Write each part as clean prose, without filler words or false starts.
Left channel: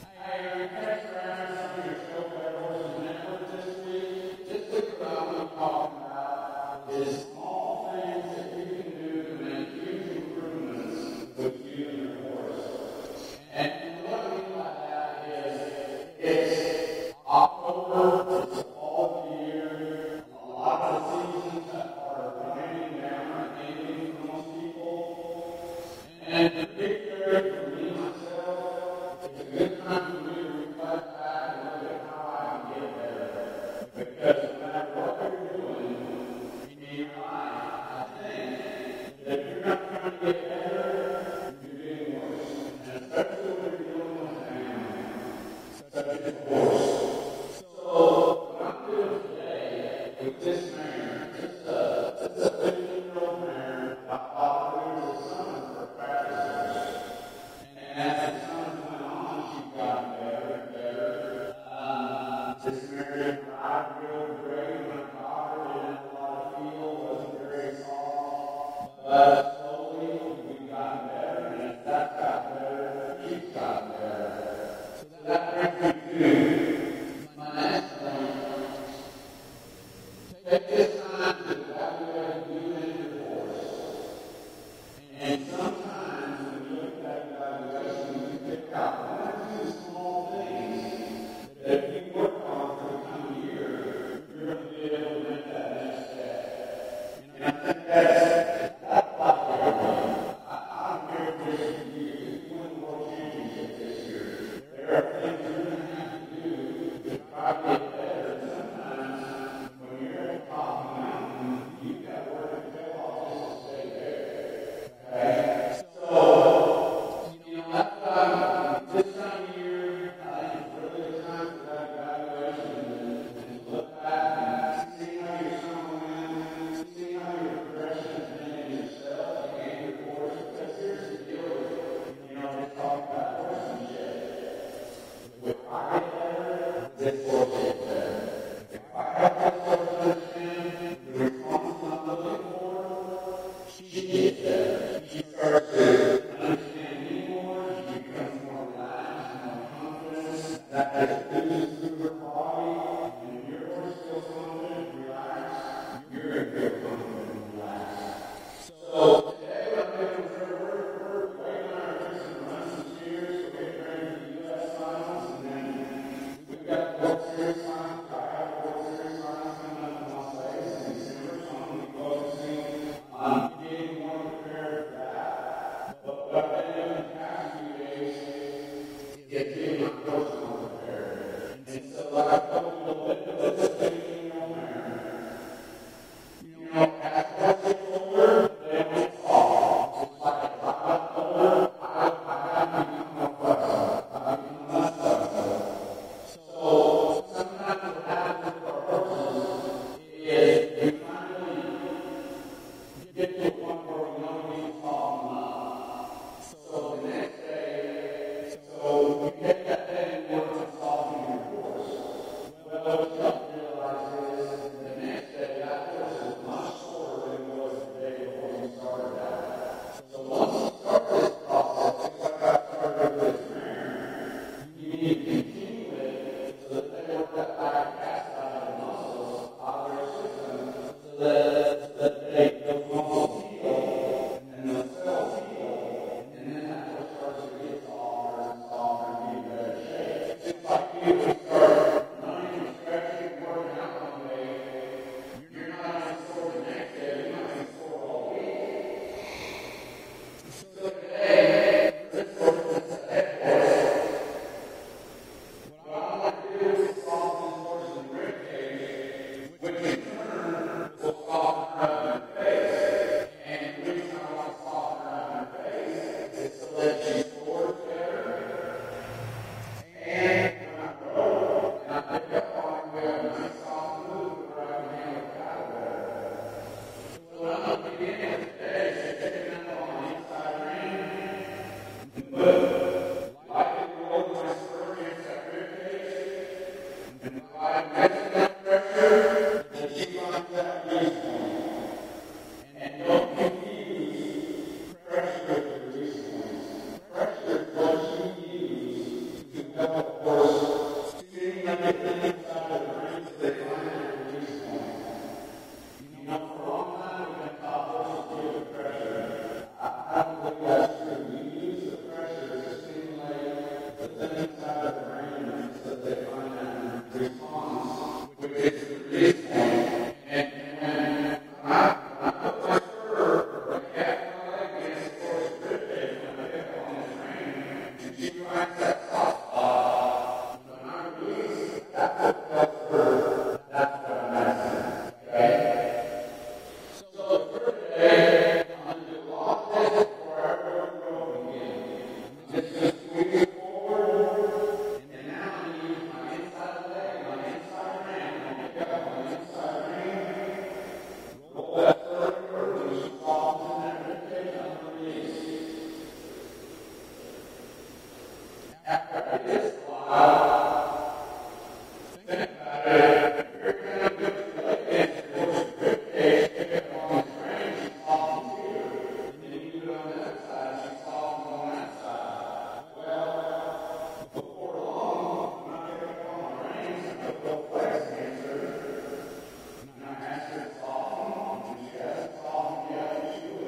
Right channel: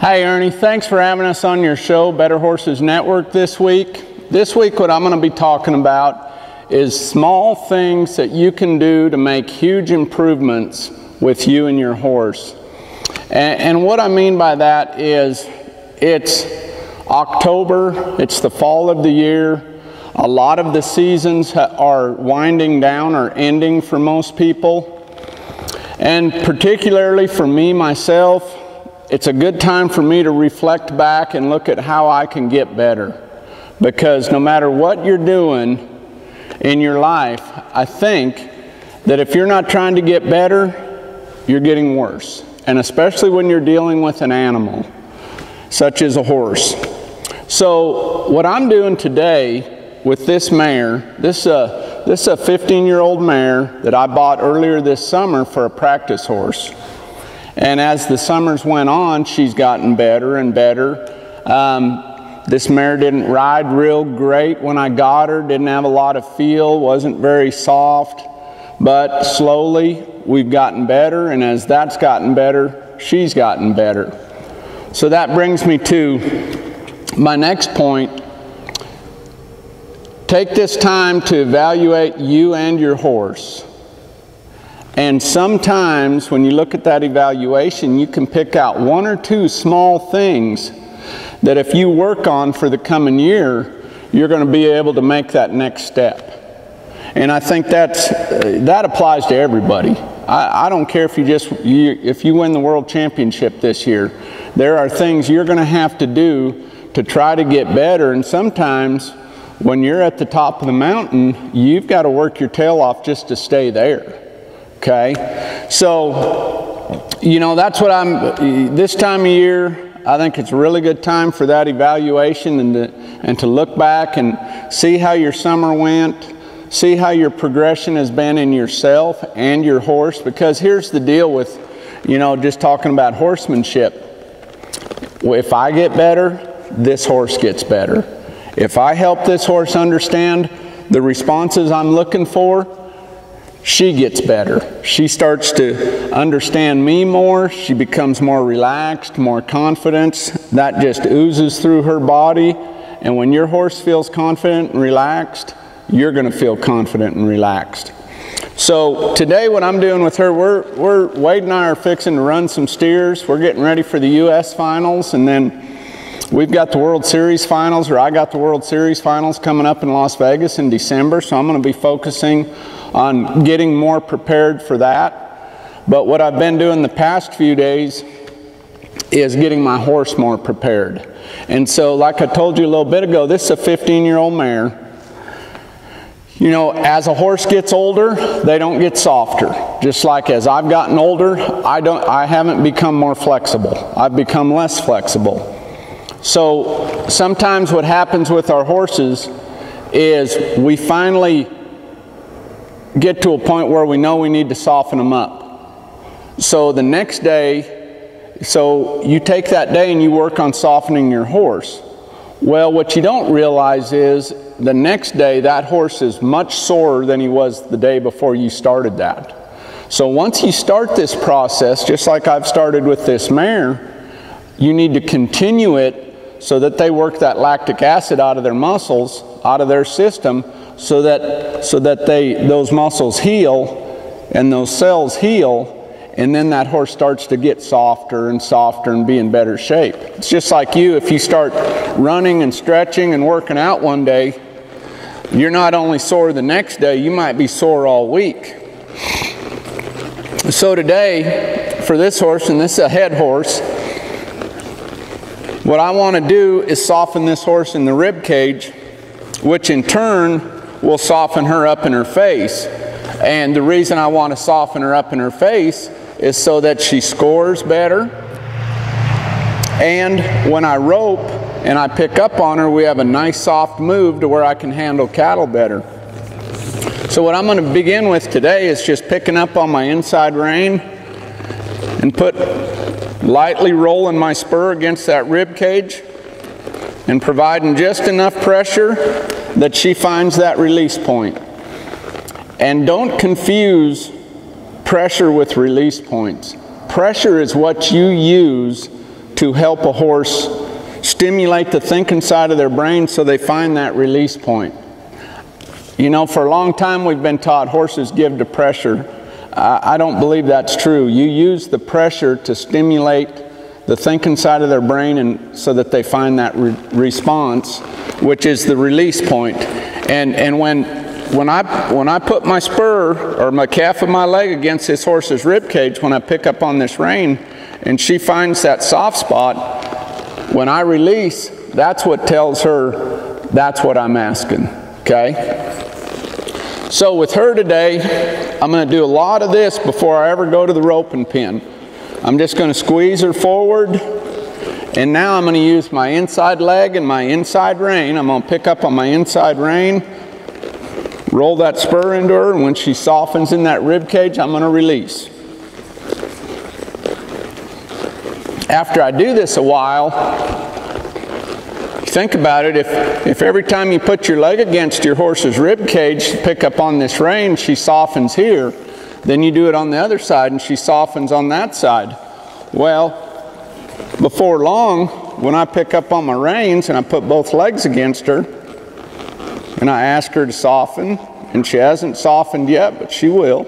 Hi Ernie, thanks for having us on your show, Better Horses Network this week. This week what I'm going to be talking about is small things that you can do to make huge improvements with you and your horse. And what I mean by that is it's October, it's the fall of the year. A lot of the seasons are winding down or ending for most people. And particularly for me, myself, it's a good time for me to reflect back and look at how I can get better. Because no matter what you're doing in your life, I think that if you're not trying to get better, you're getting worse. And especially when you're dealing with an animal, such as a horse. So what I'm doing today with this mare, this is a 15-year-old mare that I bought earlier this summer for a practice horse. And as the summers went on, she's gotten better and better. This mare didn't ride real great when I got her, didn't have a lot of feel, wasn't very soft, but slowly we've gotten better, and as that's gotten better, she's gotten better. So that brings me to my next point. Take this time to evaluate you and your horse. And sometimes when you look at that evaluation, you can pick out one or two small things that if you work on for the coming year, you're going to be able to make that next step. And I think that applies to everybody. I don't care if you win the world championship this year. There are things you're going to have to do to try to get better. And sometimes when you're at the top of the mountain, you've got to work your tail off just to stay there. Okay, so, you know, that's what this time of year, I think it's a really good time for that evaluation and to look back and see how your summer went, see how your progression has been in yourself and your horse, because here's the deal with, you know, just talking about horsemanship. If I get better, this horse gets better. If I help this horse understand the responses I'm looking for, she gets better. She starts to understand me more. She becomes more relaxed, more confident. That just oozes through her body. And when your horse feels confident and relaxed, you're going to feel confident and relaxed. So today what I'm doing with her, Wade and I are fixing to run some steers. We're getting ready for the U.S. finals, and then we've got the World Series finals, or I got the World Series finals coming up in Las Vegas in December. So I'm going to be focusing on getting more prepared for that. But what I've been doing the past few days is getting my horse more prepared. And so, like I told you a little bit ago, this is a 15-year-old mare. You know, as a horse gets older, they don't get softer. Just like as I've gotten older, I haven't become more flexible. I've become less flexible. So sometimes what happens with our horses is we finally get to a point where we know we need to soften them up. So the next day, so you take that day and you work on softening your horse. Well, what you don't realize is the next day that horse is much sorer than he was the day before you started that. So once you start this process, just like I've started with this mare, you need to continue it so that they work that lactic acid out of their muscles, out of their system, so that those muscles heal and those cells heal, and then that horse starts to get softer and softer and be in better shape. It's just like you, if you start running and stretching and working out one day, you're not only sore the next day, you might be sore all week. So today, for this horse, and this is a head horse, what I want to do is soften this horse in the rib cage, which in turn will soften her up in her face. And the reason I want to soften her up in her face is so that she scores better. And when I rope and I pick up on her, we have a nice soft move to where I can handle cattle better. So what I'm going to begin with today is just picking up on my inside rein and lightly rolling my spur against that rib cage and providing just enough pressure that she finds that release point. And don't confuse pressure with release points. Pressure is what you use to help a horse stimulate the thinking side of their brain so they find that release point. You know, for a long time we've been taught horses give to pressure. I don't believe that's true. You use the pressure to stimulate the thinking side of their brain and so that they find that response, which is the release point. And when I put my spur or my calf of my leg against this horse's rib cage, when I pick up on this rein and she finds that soft spot, when I release, that's what tells her that's what I'm asking, okay? So with her today, I'm going to do a lot of this before I ever go to the roping pin. I'm just going to squeeze her forward, and now I'm going to use my inside leg and my inside rein. I'm going to pick up on my inside rein, roll that spur into her, and when she softens in that rib cage, I'm going to release. After I do this a while, think about it, if every time you put your leg against your horse's rib cage to pick up on this rein, she softens here, then you do it on the other side and she softens on that side. Well, before long, when I pick up on my reins and I put both legs against her and I ask her to soften, and she hasn't softened yet, but she will.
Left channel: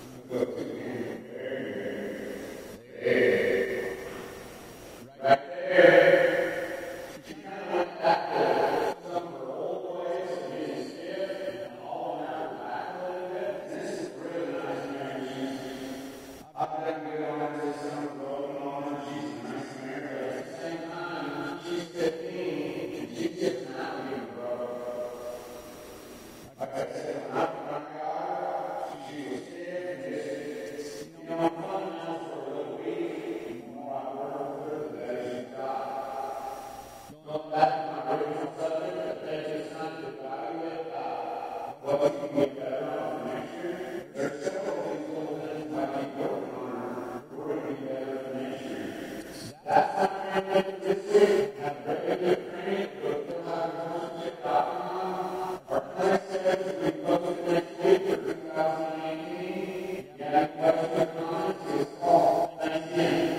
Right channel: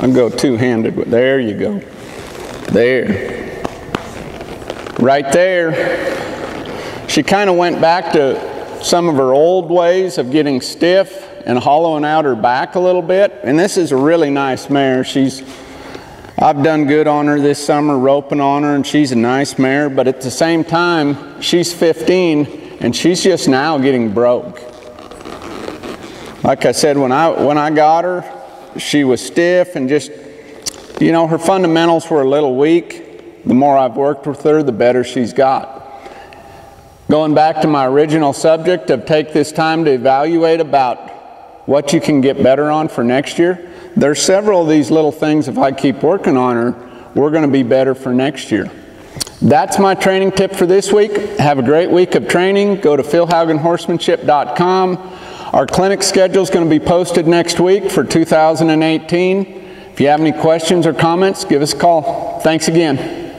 I'll go two-handed. There you go. There. Right there. She kind of went back to some of her old ways of getting stiff and hollowing out her back a little bit. And this is a really nice mare. I've done good on her this summer, roping on her, and she's a nice mare. But at the same time, she's 15, and she's just now getting broke. Like I said, when I got her, she was stiff and just, you know, her fundamentals were a little weak. The more I've worked with her, the better she's got. Going back to my original subject of take this time to evaluate about what you can get better on for next year, there's several of these little things, if I keep working on her, we're going to be better for next year. That's my training tip for this week. Have a great week of training. Go to philhaugenhorsemanship.com. Our clinic schedule is going to be posted next week for 2018. If you have any questions or comments, give us a call. Thanks again.